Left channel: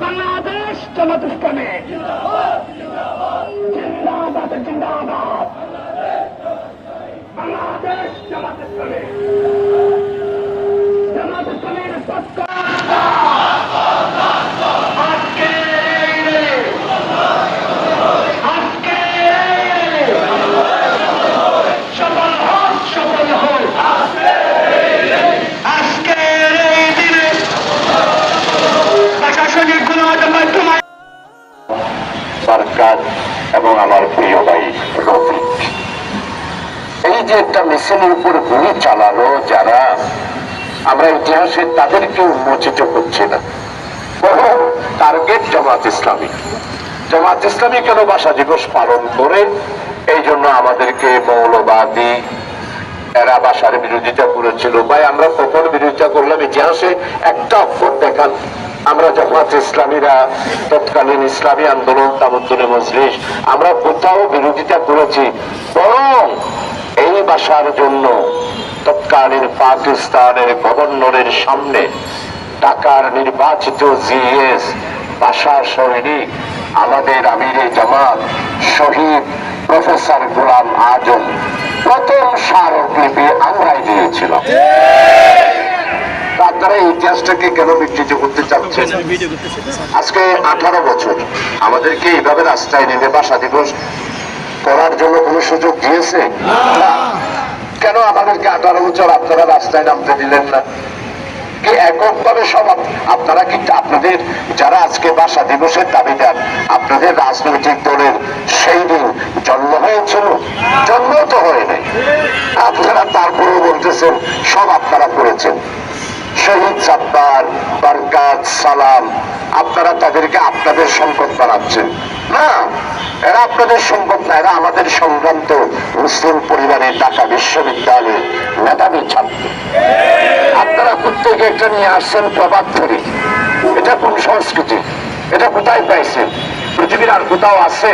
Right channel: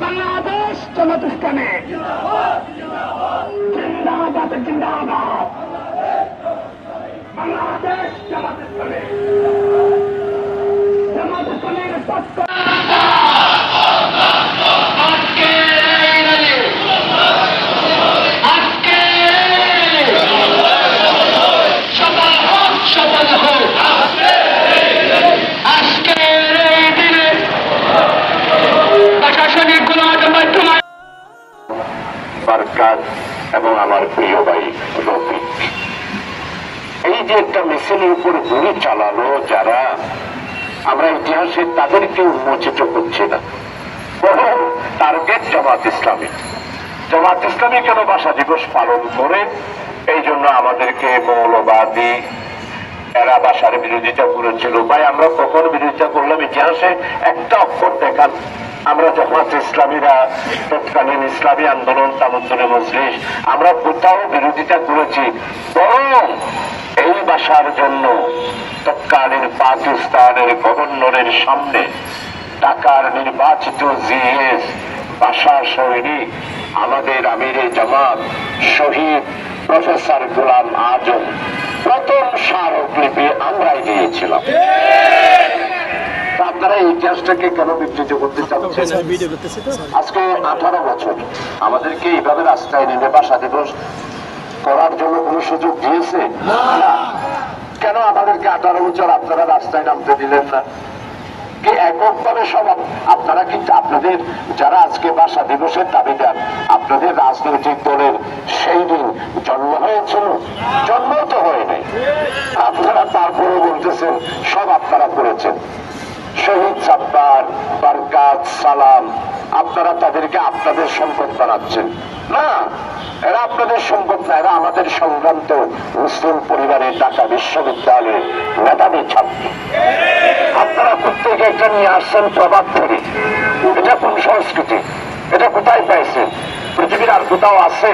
বাংলাদেশ ইসলামে জিন্দাবাদ জিন্দাবাদ যে একটা মিছিলের উপর গুলি চালালো যারা, আমরা ইতিহাসে তাদেরকে উন্মোচিত করছি না। টার্গেট জামাত ইসলামী। জামাত ইসলামী কেন দিবস পালন করে? এই জন্য আমাদেরকে মৌলবাদী এরা বিরোধিতা করেছিল। ভাই, আমরা কখন বিরোধিতা করলাম ইতিহাসে? একটা অক্ষর দেখান। আমরা জামাত ইসলামীরা তৎকালীন ইসলামী আন্দোলন তামদ্দুনে মজলিস, আমরা কোথাও বিরোধিতা করেছি। বরং এই ভাষার জন্য তৎকালীন পাকিস্তানের গভর্নরের সামনে ঢাকার নির্বাচিত জিএস ভাষা সৈনিক, আমাদের আমিরে জামাত, শহীদ প্রফেসর গোলাম আজম, প্রথম স্মারকলিপি আমরাই দিয়েছিলাম। আপনারা ইতিহাসটাকে কেন বিকৃত করতে চাচ্ছেন আজকে আঠারো বছর, আমাদেরকে এইভাবে রাস্তায় নেমে বাসা দিবস করার জন্য কোনো সুযোগ দিয়েছে? কেন আমাদেরকে আঠারো বছর আপনারা রাস্তায় নামতে দিলেন না? আপনারা জন্ম হয়েছিল? জন্ম তো হয় আপনারা বলতেছেন, সব আপনারা করেছেন। শহীদ সালাম, আপনারা তাদেরকে আপনাদের সম্পদ বানাচ্ছেন। না, এরা আপনাদের সম্পদ না, এরা আমাদের সংক্রান্ত মুসলিম পরিবারের ঢাকা বিশ্ববিদ্যালয়ের মেধাবী ছাত্র। আপনারা প্রত্যেকে একটা নিয়ে আসছেন প্রভাব থেকে। এটা কোন সংস্কৃতি? এটা কোথায় পাইছেন? পৃথিবীর আর কোথাও আছে?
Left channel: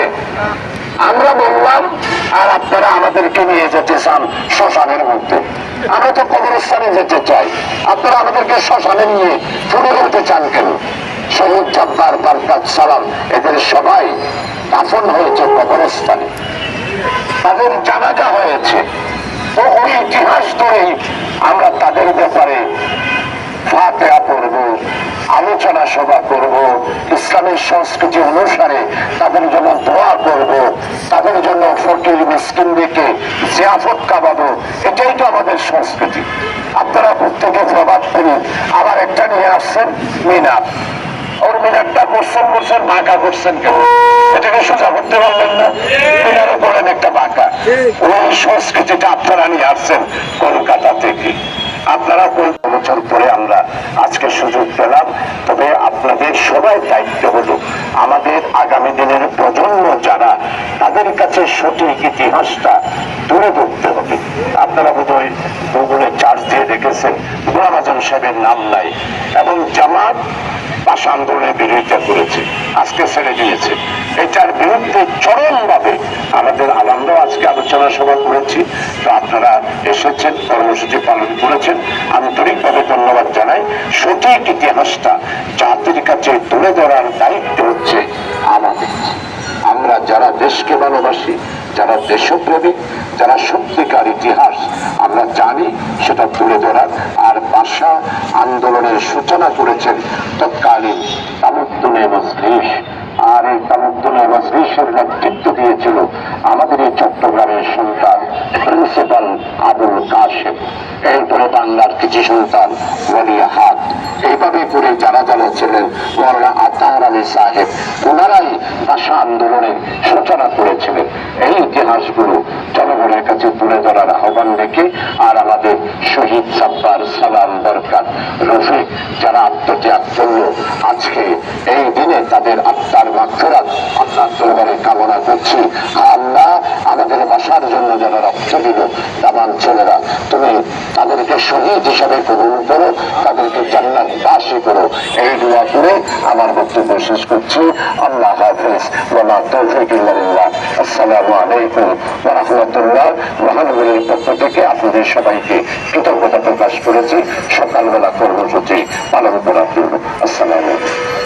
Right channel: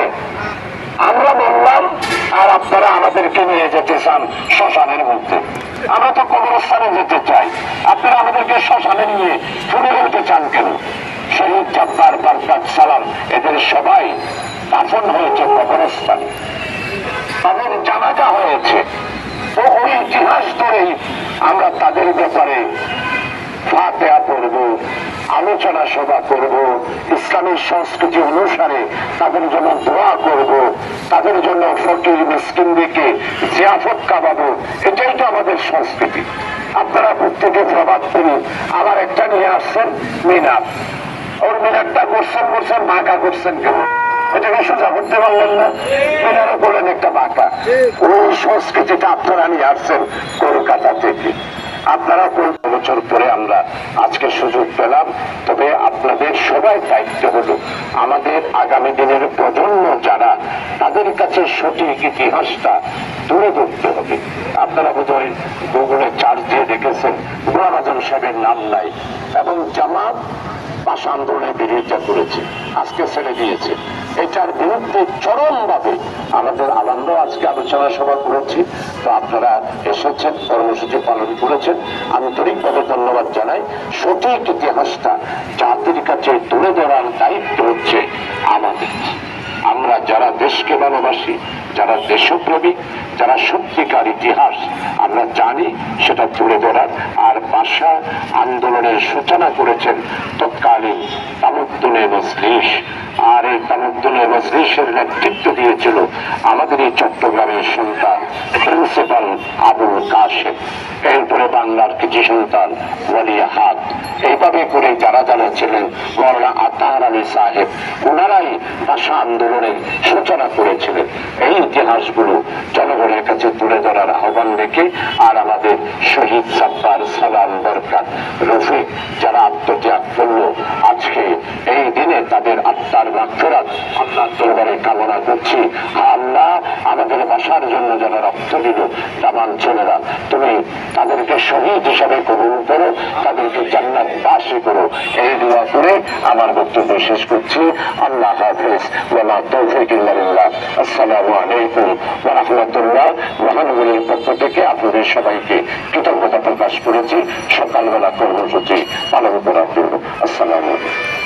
আমরা বললাম, আর আপনারা আমাদেরকে নিয়ে যেতে চান শ্মশানের মধ্যে। আমরা তো কবরস্থানে যেতে চাই। আপনারা আমাদেরকে শ্মশানে নিয়ে ফুলে উঠতে চান কেন? শহীদ জব্বার বারকাত সালাম, এদের সবাই দাফন হয়েছে কবরস্থানে। তাদের জানাজা হয়েছে। বহু ইতিহাস ধরেই আমরা তাদের ব্যাপারে পড়ব, আলোচনা সভা করব, ইসলামের সংস্কৃতি অনুসারে তাদের জন্য দোয়া করব, তাদের জন্য ফকির মিসকিনদেরকে জিয়াফত কাবাবো এটাই তো আমাদের সংস্কৃতি। আপনারা প্রত্যেকে প্রভাব করি আবার একটা নিয়ে আসছেন মিনার। ওর মিনারটা করছেন করছেন, বাঁকা করছেন কেন? এটাকে সোজা করতে পারলেন না। মিনারও করেন একটা বাঁকা। ওই সংস্কৃতিটা আপনারা নিয়ে আসছেন কলকাতা থেকে। আপনারা পনেরো বছর পরে আমরা আজকে সুযোগ পেলাম? তবে আপনাদের সবাই দায়িত্ব হলো আমাদের আগামী দিনের প্রজন্ম যারা তাদের কাছে সঠিক ইতিহাসটা তুলে ধরতে হবে। আপনারা বোধহয় গুগলে চার্জ দিয়ে দেখেছেন, গোলাম আজম সাহেবের নাম নাই এবং জামাত ভাষা আন্দোলনের বিরোধিতা করেছে। আজকে ছেড়ে দিয়েছে। এটার বিরুদ্ধে চরমভাবে আমাদের আনন্দ আজকে আলোচনা সভা করেছি। তো আপনারা এসেছেন, কর্মসূচি পালন করেছেন। আন্তরিকভাবে ধন্যবাদ জানাই। সঠিক ইতিহাসটা জাতির কাছে তুলে ধরার দায়িত্ব হচ্ছে আমাদের। আমরা যারা দেশকে ভালোবাসি, যারা দেশপ্রেমিক যারা সত্যিকার ইতিহাস, আমরা জানি সেটা তুলে ধরার। আর ভাষা আন্দোলনের সূচনা করেছেন তৎকালীন তামুদ্দুনে মজলিস আর এই তামুদ্দুনে মজলিসের নেতৃত্ব দিয়েছিল আমাদের এই চট্টগ্রামের সন্তান, প্রিন্সিপাল আবুল কাশেম। এরপরে বাংলার কিছু সন্তান ওয়ালিয়া হাত। এইভাবে করে যারা যারা ছিলেন, মৌলানা আতার আলী সাহেব ওনারাই ভাষা আন্দোলনের সূচনা করেছিলেন। এই ইতিহাসগুলো জনগণের কাছে তুলে ধরার আহ্বান রেখে আর আমাদের শহীদ সাব্বার সালাম বরকাত, রফিক, যারা আত্মত্যাগ করল, আজকে এই দিনে তাদের কামনা করছি আল্লাহ আমাদের ভাষার জন্য যারা রক্ত দিল। দামান ছেলেরা, তুমি তাদেরকে শহীদ হিসাবে কবুল করো, তাদেরকে জান্নাত দাসী করো। এই দোয়া করে আমার বক্তব্য শেষ করছি। আল্লাহ হাফিজ। ওয়ালা তৌফিক আসসালামু আলাইকুম রাহমাতুল্লাহ। মহানগরীর পক্ষ থেকে আপনাদের সবাইকে কৃতজ্ঞতা প্রকাশ করেছি। সকালবেলা কর্মসূচি পালন করার জন্য। আসসালামু আলাইকুম।